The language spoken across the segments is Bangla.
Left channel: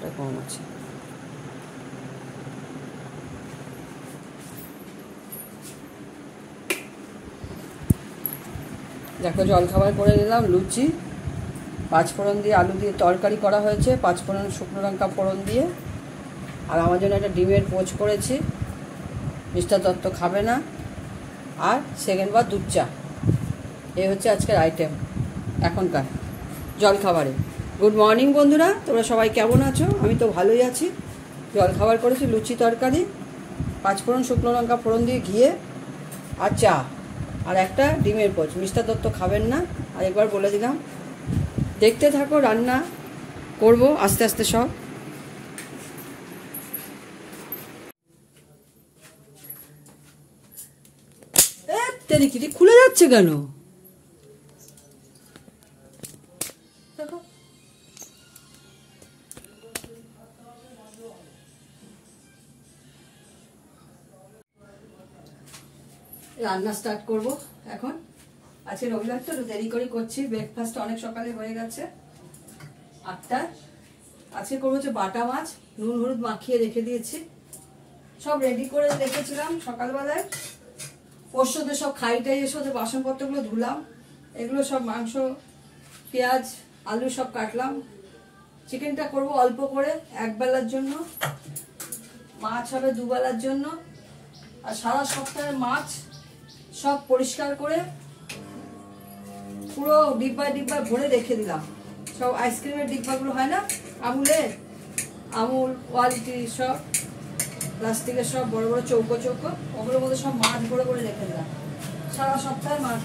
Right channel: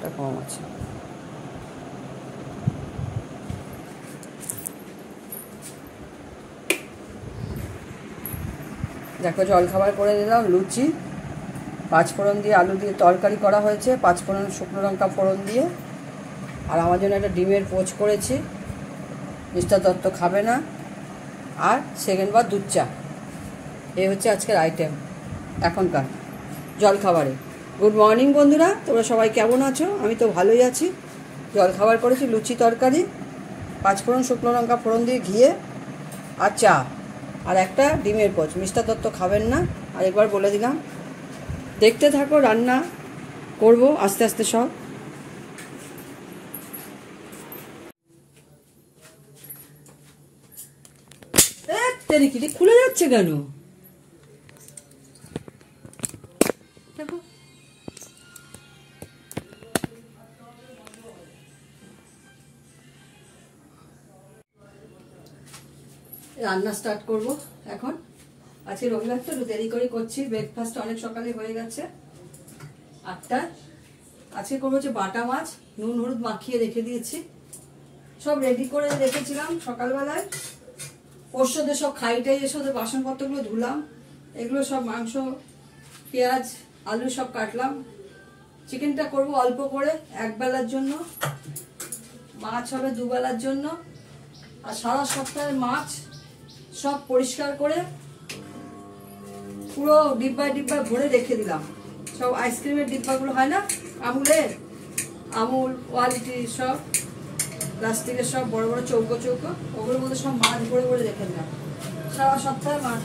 জলটা কম আছে। দেখো জলখাবার করে নিলাম, লুচি, পাঁচফোড়ন দিয়ে আলু দিয়ে তরকারি করা হয়েছে, পাঁচফোড়ন শুকনো লঙ্কা ফোড়ন দিয়ে। আর আমার জন্য একটা ডিমের পোচ করেছি, মিস্টার দত্ত খাবে না। আর সেকেন্ড বার দুধ চা। এই হচ্ছে আজকের আইটেম এখনকার জলখাবারে। গুড মর্নিং বন্ধুরা, তোমরা সবাই কেমন আছো? আমি তো ভালোই আছি। জলখাবার করেছি লুচি তরকারি, পাঁচফোড়ন শুকনো লঙ্কা ফোড়ন দিয়ে ঘিয়ে, আর চা, আর একটা ডিমের পোচ। মিস্টার দত্ত খাবেন না। আর একবার বলে দিলাম, দেখতে থাকো, রান্না করব আস্তে আস্তে সব। খুলে যাচ্ছে কেন? দেখো রান্না স্টার্ট করব এখন। আজকে রবিবার তো একটু দেরি করে করছি, ব্রেকফাস্ট অনেক সকালে হয়ে গেছে 8টা। আজকে করবো হচ্ছে বাটা মাছ, নুন হলুদ মাখিয়ে রেখে দিয়েছি, সব রেডি করে রেখেছিলাম সকালবেলায়। পরশুদের সব খাইটাই এসে ওদের বাসনপত্রগুলো ধুলাম, এগুলো সব মাংস পেঁয়াজ আলু সব কাটলাম। চিকেনটা করব অল্প করে, একবেলার জন্য, মাছ হবে দুবেলার জন্য। আর সারা সপ্তাহের মাছ সব পরিষ্কার করে পুরো ডিব্বায় ডিব্বায় ভরে রেখে দিলাম। সব আইসক্রিমের ডিব্বাগুলো হয় না আমুলের, আমুল কোয়ালিটি সব প্লাস্টিকের সব বড় বড় চৌকো চৌকো, ওগুলোর মধ্যে সব মাছ ভরে ভরে রেখে দিলাম। সারা সপ্তাহে মাছ,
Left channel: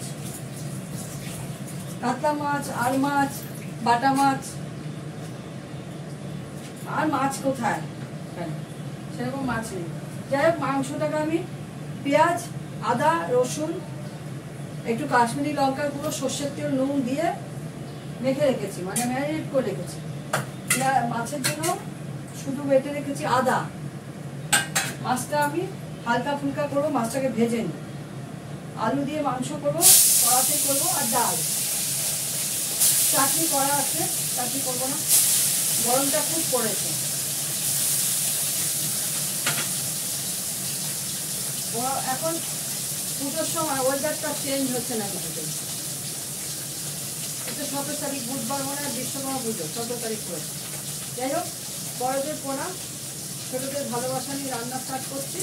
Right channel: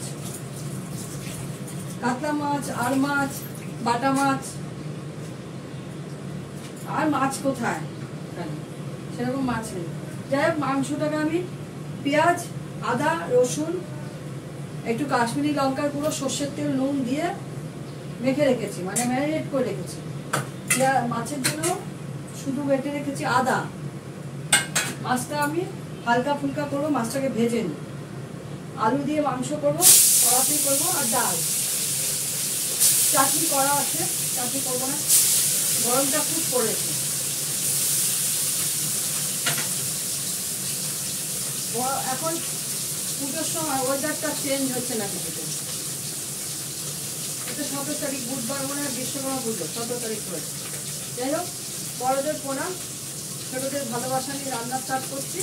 কাতলা মাছ, আর মাছ, বাটা মাছ। আর মাছ কোথায়, সেরকম মাছ নেই। যাই হোক, মাংসটাকে আমি পেঁয়াজ আদা রসুন একটু কাশ্মীরি লঙ্কার গুঁড়ো সর্ষের তেল নুন দিয়ে মেখে রেখেছি, মানে ম্যারিনেট করে রেখেছি। মাছের জন্য শুধু বেটে রেখেছি আদা। মাছটা আমি হালকা ফুলকা করবো, মাছটাকে ভেজে নিই। আলু দিয়ে মাংস করবো, কড়াতে করবো, আর ডাল। চাটনি করা আছে, চাটনি করবো না, গরমটা খুব পড়েছে। এখন পুজোর সময় ওয়েদারটা চেঞ্জ হচ্ছে না কিছুতে। এটা 17 তারিখ বুধবার, মনে হয় বিশ্বকর্মা পুজো 17 তারিখ পড়েছে। যাই হোক, বড়দের প্রণাম, ছোটদের ভালোবাসা নিয়ে রান্না স্টার্ট করছি।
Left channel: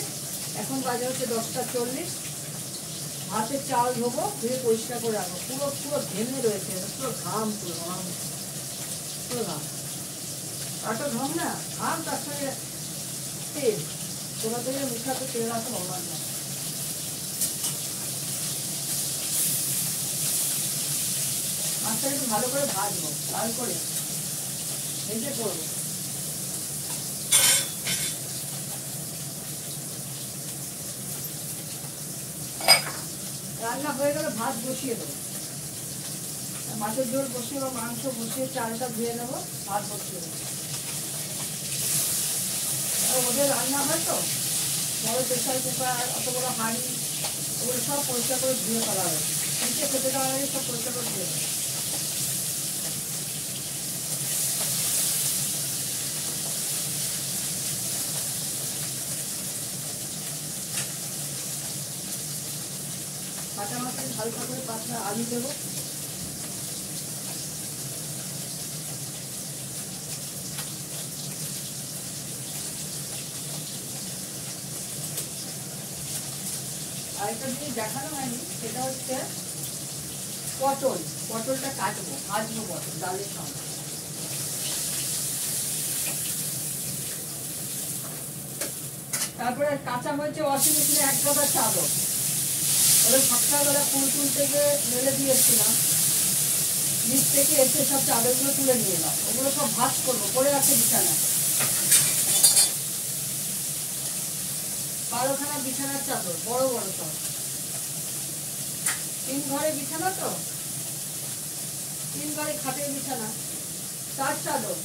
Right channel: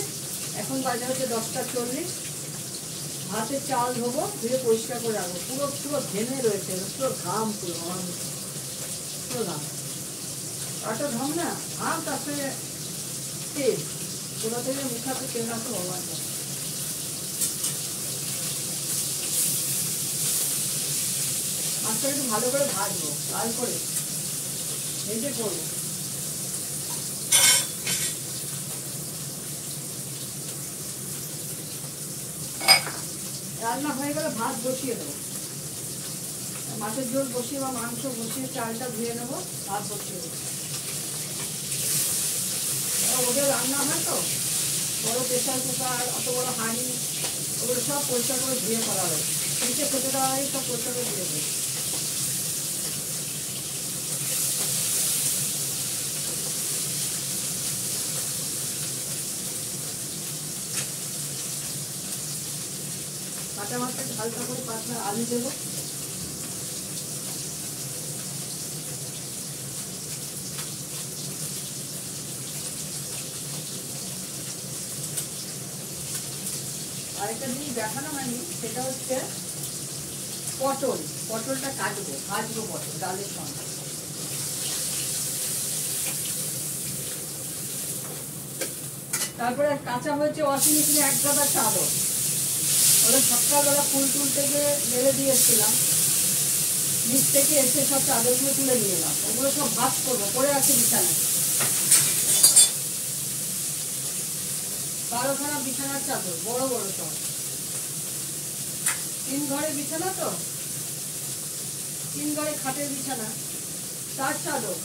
এখন বাজে হচ্ছে 10টা 40। ভাতের চাল ধোবো, ধুয়ে পরিষ্কার করে রাখবো। পুরো পুরো ঘেমে রয়েছে, পুরো ঘাম, পুরো ঘাম, পুরো ঘাম। আটা ঘাম না, ঘাম, তার সঙ্গে তেল। কোথা থেকে মুখাতে তেল রাখো ভগবান। মাছটা একটু ভালো করে ভাজবো, লাল করে ভেজে করবো। রান্না হয়ে গেলে ভাত বসিয়ে দেবো, মাছের ঝোল বসিয়ে বা মাংস বসিয়ে চালটা ধুয়ে নেবো, ভাত বসিয়ে দেবো। ওদের রান্না হয় তো, বড় প্রেশার কুকার, অত বড় হাঁড়ি, ওগুলো সব পরিষ্কার করে ধুয়ে করা হয়। নিচে খেতে দেওয়া হয়, সব পরিষ্কার করে ধুয়ে দেবে। বাটা মাছটা হালকা করে পাতলা আলু দেবো। আরেকটা জিনিস দেখানো হয়নি, সেটা হচ্ছে পটল। পটলটা কাটবো, ভাজবো পটল ডালের সঙ্গে। তারপরে কাঁচা হয়েছে ওয়াশিং মেশিনে 1 গাদা চাদর। ওরা সকালবেলা ফুল তুলতে গিয়ে মেলে দিয়েছিলাম, নিচ থেকে এসে সব চাদরগুলো তুলে নিয়ে এলাম। ওগুলো সব ভাঁজ করবো, পড়ে আছে বিছানায়। 12খানা বিছানার চাদর, বড় বড় সব। 3 ঘরে বিছানা তো, 3 ঘরে খাটের বিছানা, তার চাদর,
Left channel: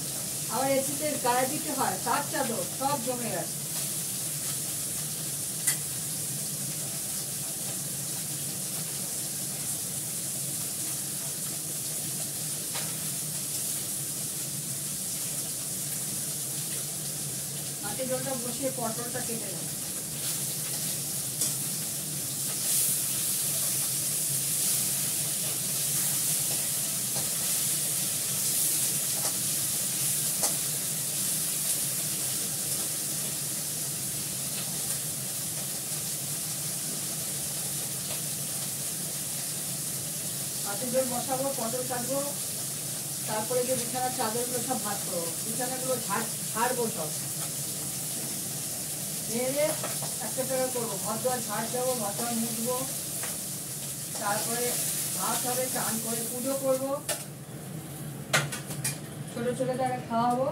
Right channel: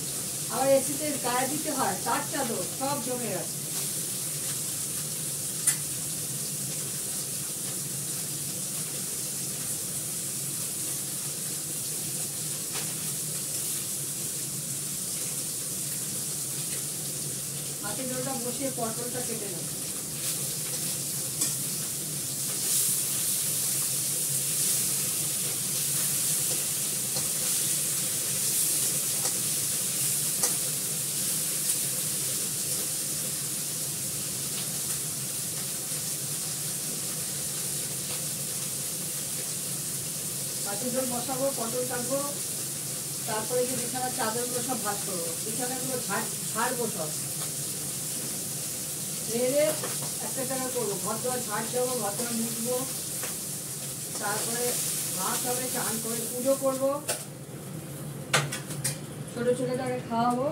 আবার এসিতে গায়ে দিতে হয় তার চাদর, সব জমে গেছে। মাছের ঝোলটা বসিয়ে পটলটা কেটে নেব। মাছের ঝোল বসাবো, পটল কাটবো, তারপরে যে বিছানার চাদরগুলো সব ভাঁজ করবো, বিছানাগুলো ঝাড়বো সব ঝেড়ে একটা টাকা করবো, ঘর দোয়ার ঝাড় দেবো, ঘর দোয়ার মুছবো, তারপরে ভাত হবে, চান করে পুজো করবো, ছোট ছোট জায়গায় খাওয়াবো।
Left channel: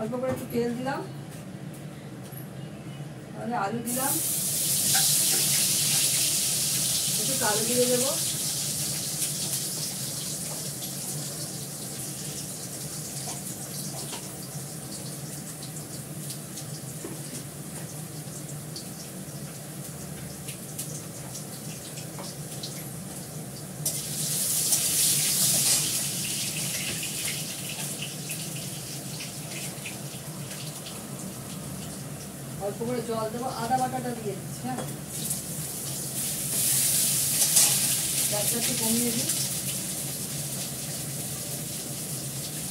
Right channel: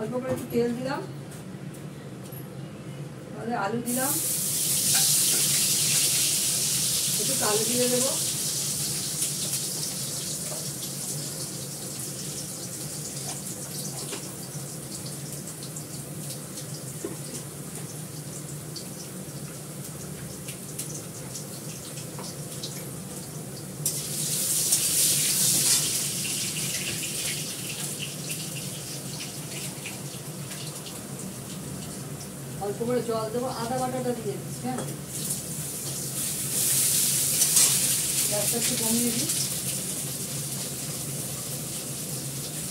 অল্প করে একটু তেল দিলাম, তাহলে আলু দিলাম, একটু কালো দিয়ে দেবো, অল্প করে জল দেবো, আদা বাটাটা দিয়ে দিচ্ছি। হ্যাঁ, গ্যাসটা একটু কমিয়ে দিই,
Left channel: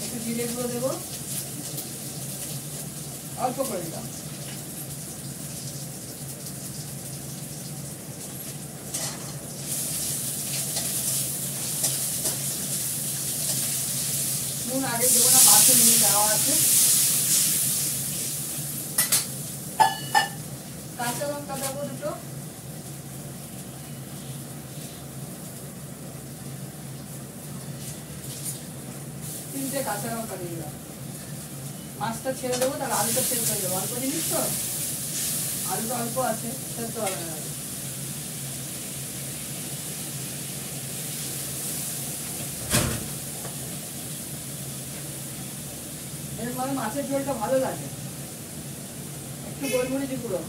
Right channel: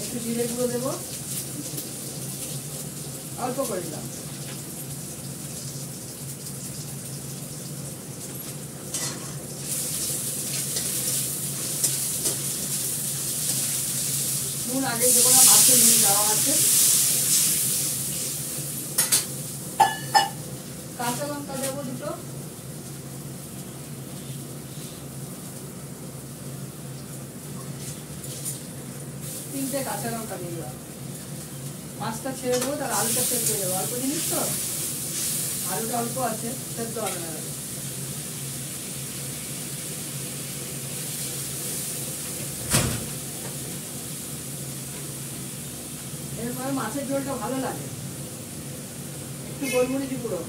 একটু জিরে গুঁড়ো দেবো, অল্প করে দিলাম, নুন আগে দেবো না, মাছের নুন দেওয়া আছে। কাঁচা লঙ্কা দেবো দুটো, তিনটে কাঁচা লঙ্কা দিয়ে দিলাম। মাছটা ছেড়ে দেবো, তার আলুটা সেদ্ধ দেবো, অল্প জিনিস তো, আলুটা অল্প আছে, সেদ্ধ হবে না। এরপরে মাছের ঝোলটা ভালো লাগে, একটু গোলমরিচ গুঁড়ো,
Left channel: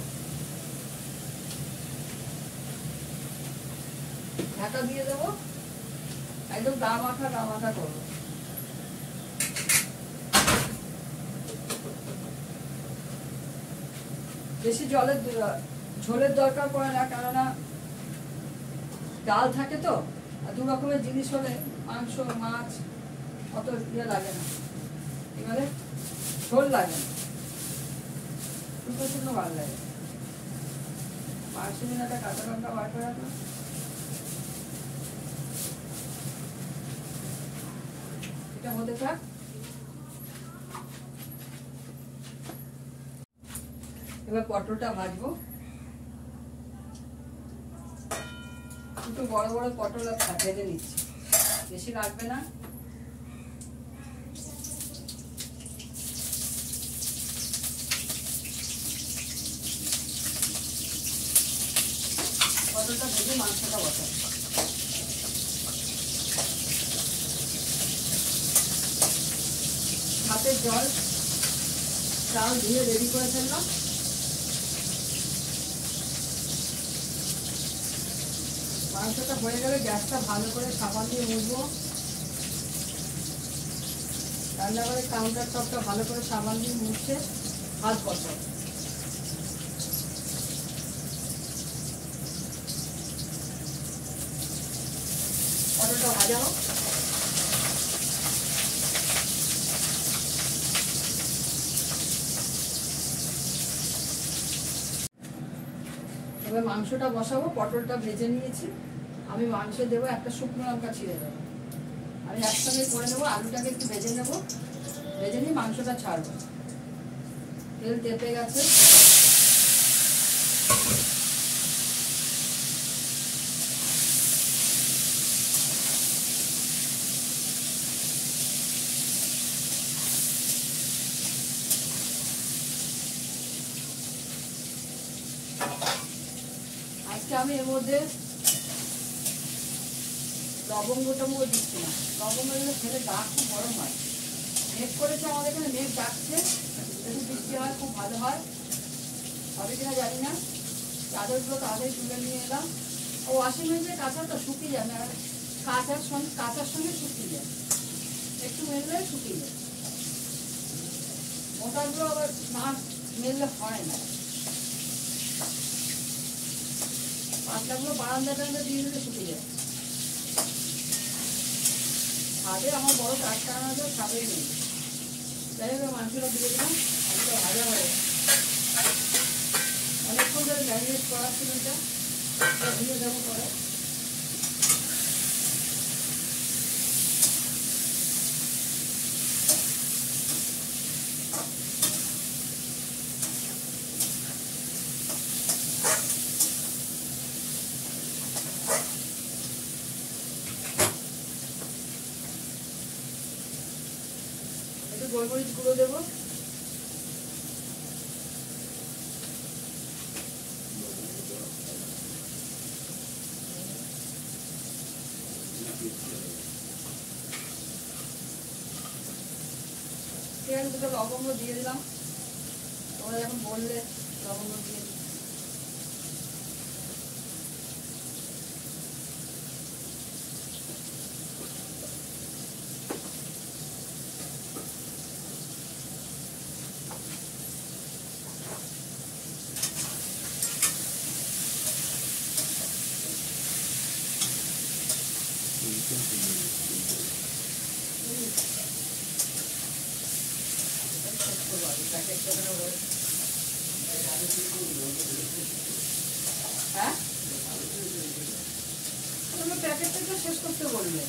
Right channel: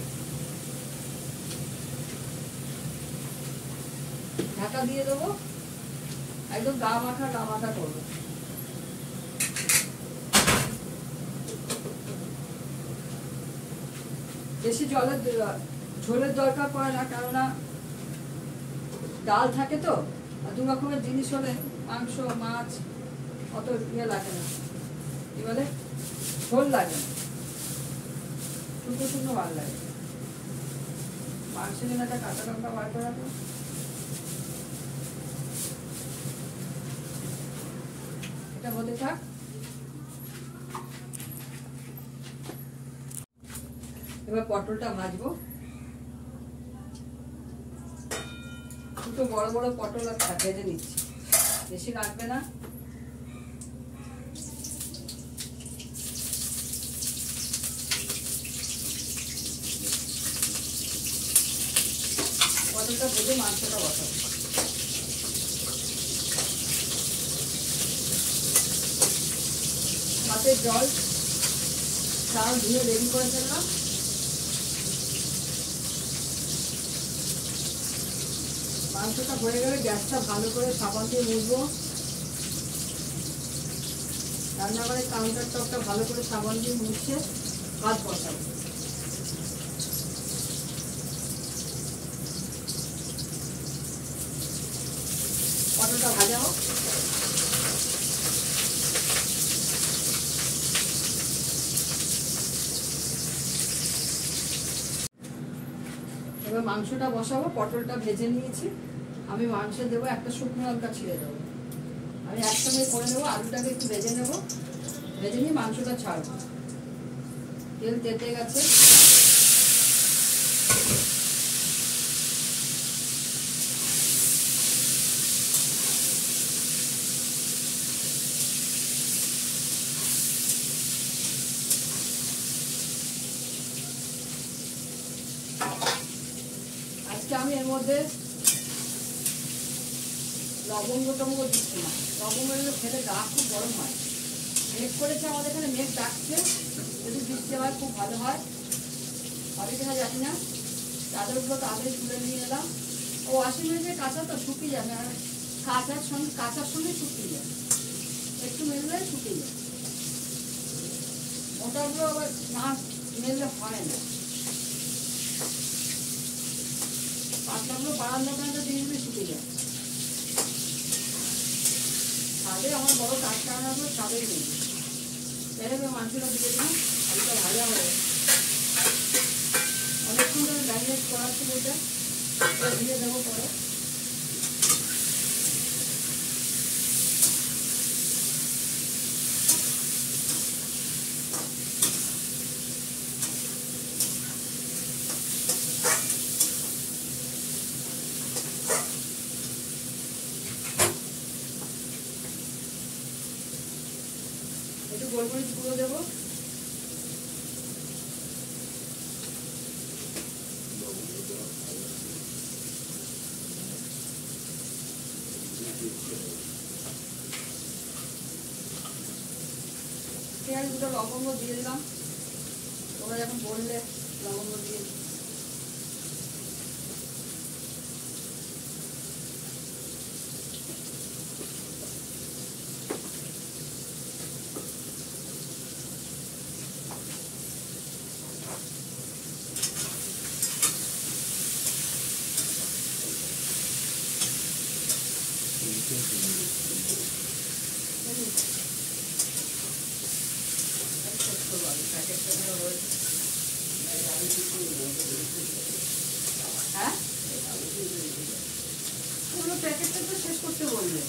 ঢাকা দিয়ে দেবো, একদম গা মাখা করবো। বেশি ঝোলের দরকার পড়ে না, কেননা ডাল থাকে তো, দু রকমের জিনিস হলে মাংস মাছ অত ইয়ে লাগে না, এবারে ঝোল লাগে না, শুকনো শুকনো ভালো লাগে। মাংসের জন্য একটা কাঁচা লঙ্কা বার করে রাখলাম, এটা হতে থাক। এবার পটলটা ভাজবো, দুটো বড় বড় পটল ভেজে নিচ্ছি, বেশি লাগবে না। পটলটা ভেজে মাংসটা বসাবো। ভাতের জল চাল ধুয়ে রেডি করে ফেললাম, মাংসটা হয়ে গেলে গ্যাসটা ভালো করে সাবান দিয়ে মুছবো, রান্নাঘরের কাউন্টার টপটা ভালো করে সাবান দিয়ে মুছে ভাত বসাবো। পটলটা ভাজা হোক, এবার মাংসটা বসাবো। পটলটা ভেজে নিয়েছি, আমি মাংস দেবো, একটা শুকনো লঙ্কা ছিঁড়ে দেবো, আমি একসঙ্গে করে নেবো। আলুটাকে একটু ভেজে নেবো, ভেজে নিয়ে মাংসটা ছাড়বো। তেল তেতে গেছে, আজকে আমি এর মধ্যে লবঙ্গ টবঙ্গ দিচ্ছি না, লবঙ্গ খেলে গা খুব গরম হয়। মেঘ করেছে আমাদের এখানে, মেঘ ডাকছে, যদি বৃষ্টি হয় খুব ভালো হয়, হবে কিনা জানি না। চাদরগুলো তাড়াতাড়ি তুলে নিয়ে এলাম, ও ওয়াশিং মেশিনে কাঁচা তো শুকিয়ে যাবে, আর কাঁচার সঙ্গে শুকিয়ে যায়, একটু মেললে শুকিয়ে যায়। মোটাগুলো আবার না মেললে হয় না, পাতলাগুলো বারান্দাটা দিয়ে দিলে শুকে যায়। ছাদে আমার বড় কারখানা তো ছাদেই নেই। যাই হোক মাংসটা দিয়ে দিলাম, আলুটা ভাজা হয়ে অনেকক্ষণ ধরে ম্যারিনেট করা ছিল, এটা দিয়ে দেবো পরে। একটু গোলমরিচ গুঁড়ো দেবো, পেঁয়াজ দুটো লবঙ্গ দিয়ে দিলাম, তোমরা যখন বললে লবঙ্গ দিয়ে। হ্যাঁ প্যাকেটটা তো শেষ করতে বলবে।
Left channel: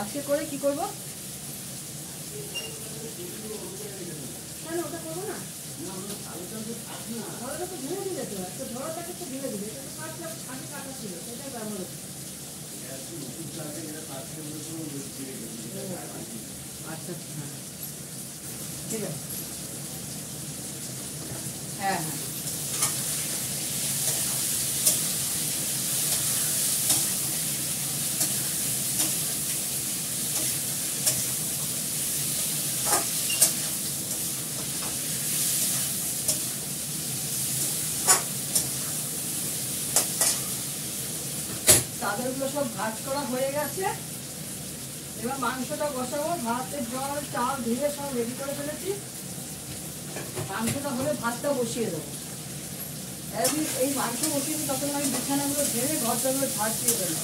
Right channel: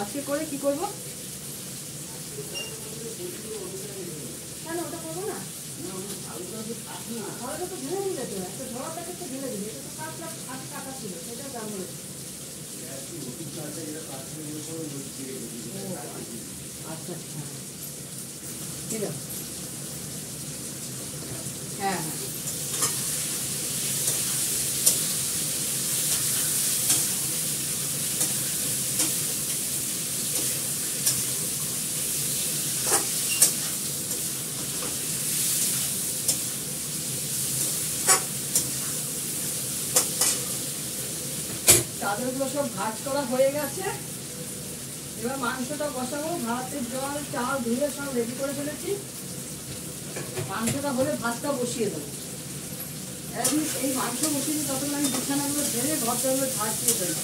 আজকে করে কি করবো? কেন ওটা করবো না? ধরাটা তো ঢেলে দিলে তো, একটা ধরা প্যাকেট তো ঢেলে দিলে, এটা তো 5 লাখ আগে কাটা ছিল, সেটাও দাম হলো। আচ্ছা ঠিক আছে, হ্যাঁ হ্যাঁ চাদরগুলো সব ভাজ করা হয়ে গেছে। এবার মাংসটা বসাবো, ভাতের জল চাল ধুয়ে সব রেডি করে ফেলেছি। মাংসটা হলে ভাতটা বসিয়ে দেবো। এই মাংস বসিয়ে দিই, তখন আমি বিছানাগুলো ঝেড়ে ঘরটাগুলো ঝাড় দিয়ে দেবো।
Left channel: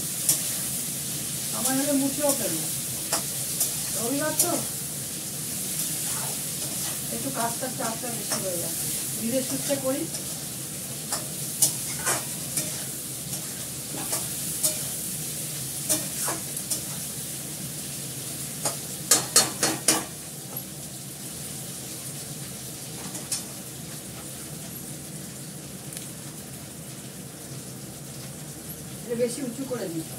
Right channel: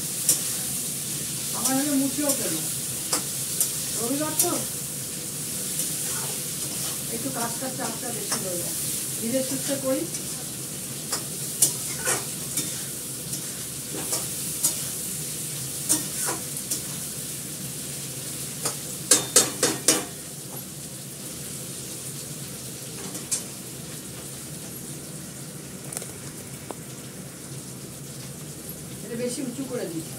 আমার হলে মুছেও ফেলবো, রবিবার তো একটু কাজটার চাপটা বেশি হয়ে যায়, ধীরে সুস্থে করি। বেশি উঁচু করে দিচ্ছি,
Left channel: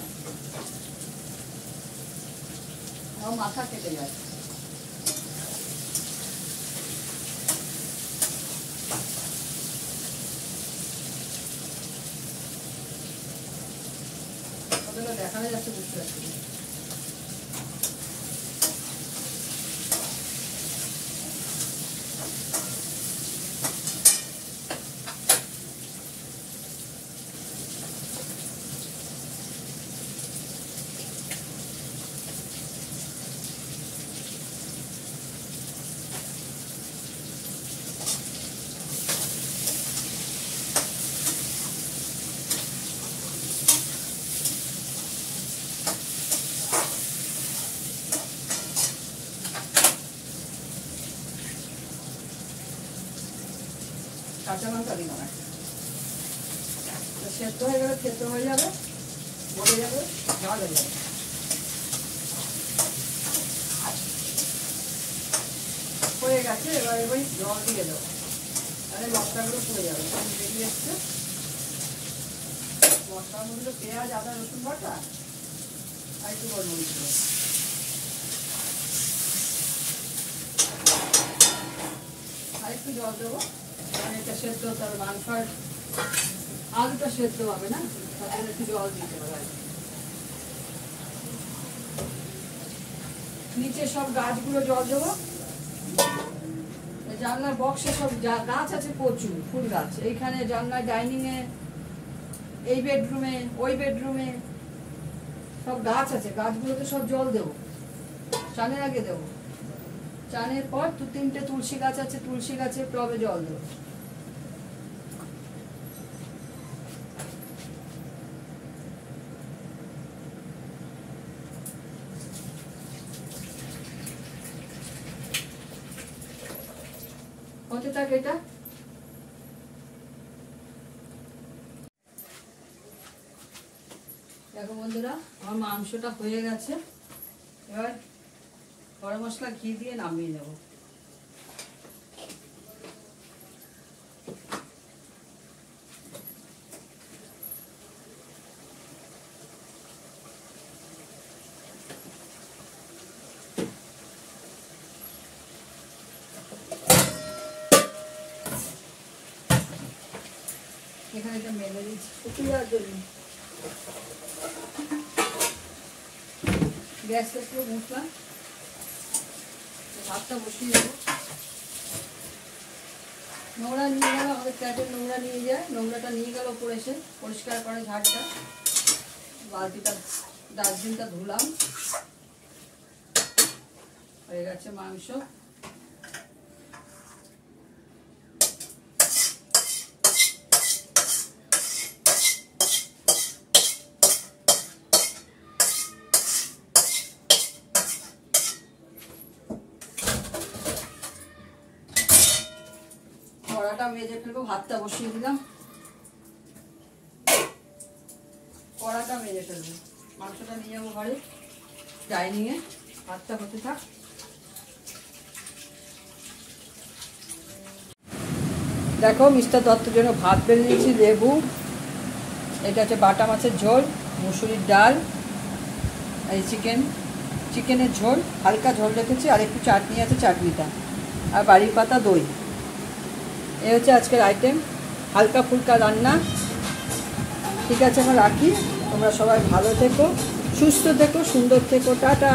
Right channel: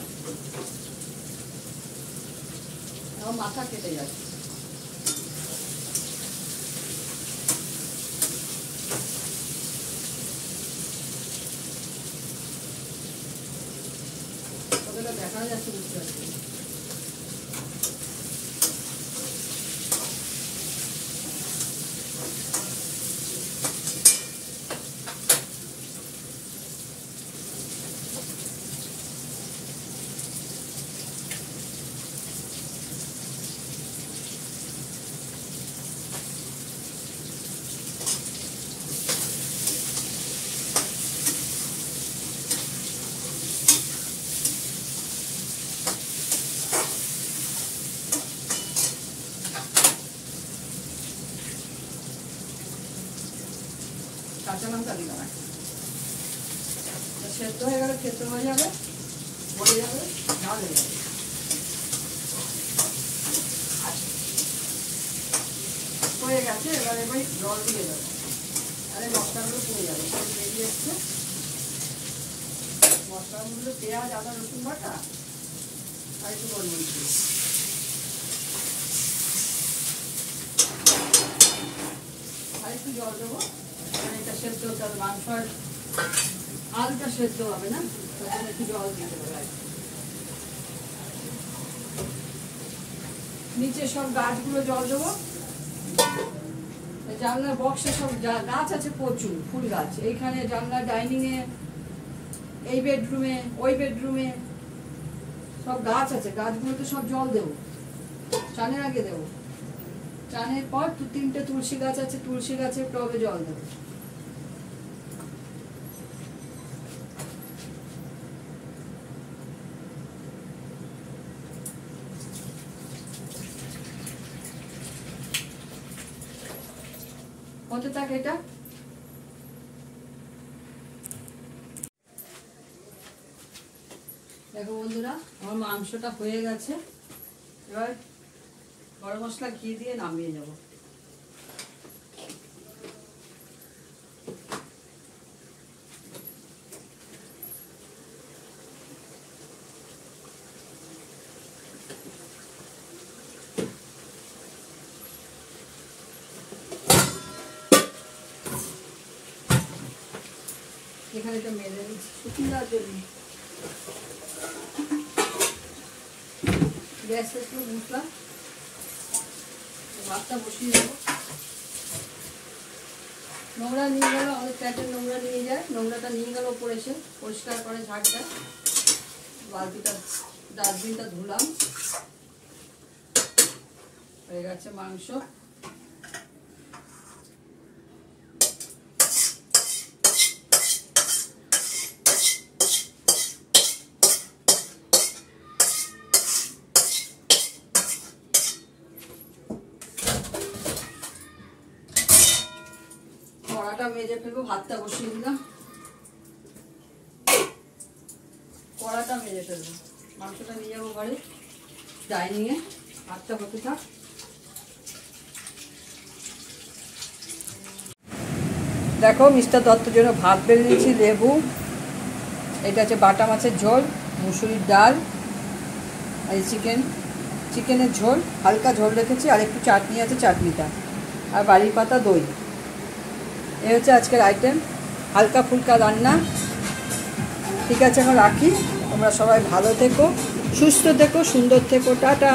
মাথা কেটে যাচ্ছে। দেখা যাচ্ছে, বুঝতে পারছি। কাঁচা লঙ্কা দিলাম, সেদ্ধ হয়ে গেলে সেদ্ধ হয়ে যাবে, পড়ে যাবে, ঝাল হয়ে যাবে। হয়ে গেছে, এবার জল দিয়ে দেবো, তাহলে মশলাগুলো পুড়ে যাবে। বেরিয়ে এসছে মশলাগুলো, পেঁয়াজ আদা রসুন বাটা আর একটু গোলমরিচ গুঁড়ো, আর একটু জল দেবো। এটা সেদ্ধ হতে হবে, মাংস আর আলুটা সেদ্ধ হবে না, তখন একটু জল দিতে হবে। আর নিচে সব গাছগুলো জল দেবো। জানলার বক্সে সব গাছ আছে প্রচুর, ফুল গাছ। এইখানে জানলার ডাইনিং এ এই বেডরুমে, ওই বেডরুমে সব গাছ আছে, গাছগুলোতে সব জল দেবো, চানের আগে দেবো। চানের পর 2-3টে তুলসী গাছ আছে, তুলসী গাছে টবে জল দেবো। হতে থাকে এটা। দেখো বন্ধুরা, আমার মাংসটা হয়ে গেছে। এবার গরম মশলা ঘি দিয়ে নামিয়ে নেব। এখানে তো মেলে দিচ্ছি শুকিয়ে জন্য। গ্যাসটা একটু মুছলাম, ভাতটা বসিয়ে দেবো। নোংরা নিয়ে গেল, আমাদের ক্যাটের নোংরা নিয়ে যায়, নোংরাটা নিয়ে গেল ওপরে এসে পরিষ্কার করে ঝাড়টা। বালতিটা, ডাস্টবিনটা ধুলাম। হয়ে গেছে মাংস। কড়াটা মেজে ফেলবো, ভাতটা বসিয়ে দিলাম। কড়াটা মেজে ফেলবো, মাংসটা নিয়ে যাবো ঘরে ডাইনিংয়ে। ভাতটা হতে থাক। দেখো মিস্টার দত্তর জন্য ভাত বেড়ে দিয়েছি, লেবু, এটা হচ্ছে বাটা মাছের ঝোল, মুসুরির ডাল, আর চিকেনের ঝোল, হালকা ঝোল রেখেছি, আর একটু চাটনি আছে, চাটনিটা, আর বাড়ির পাতা, দই। এই হচ্ছে আজকের আইটেম, হালকা ফুলকা রান্না। ঠিক আছে, এখন রাখি। তোমরা সবাই ভালো থেকো, সুস্থ থেকো, সুন্দর থেকো, টাটা।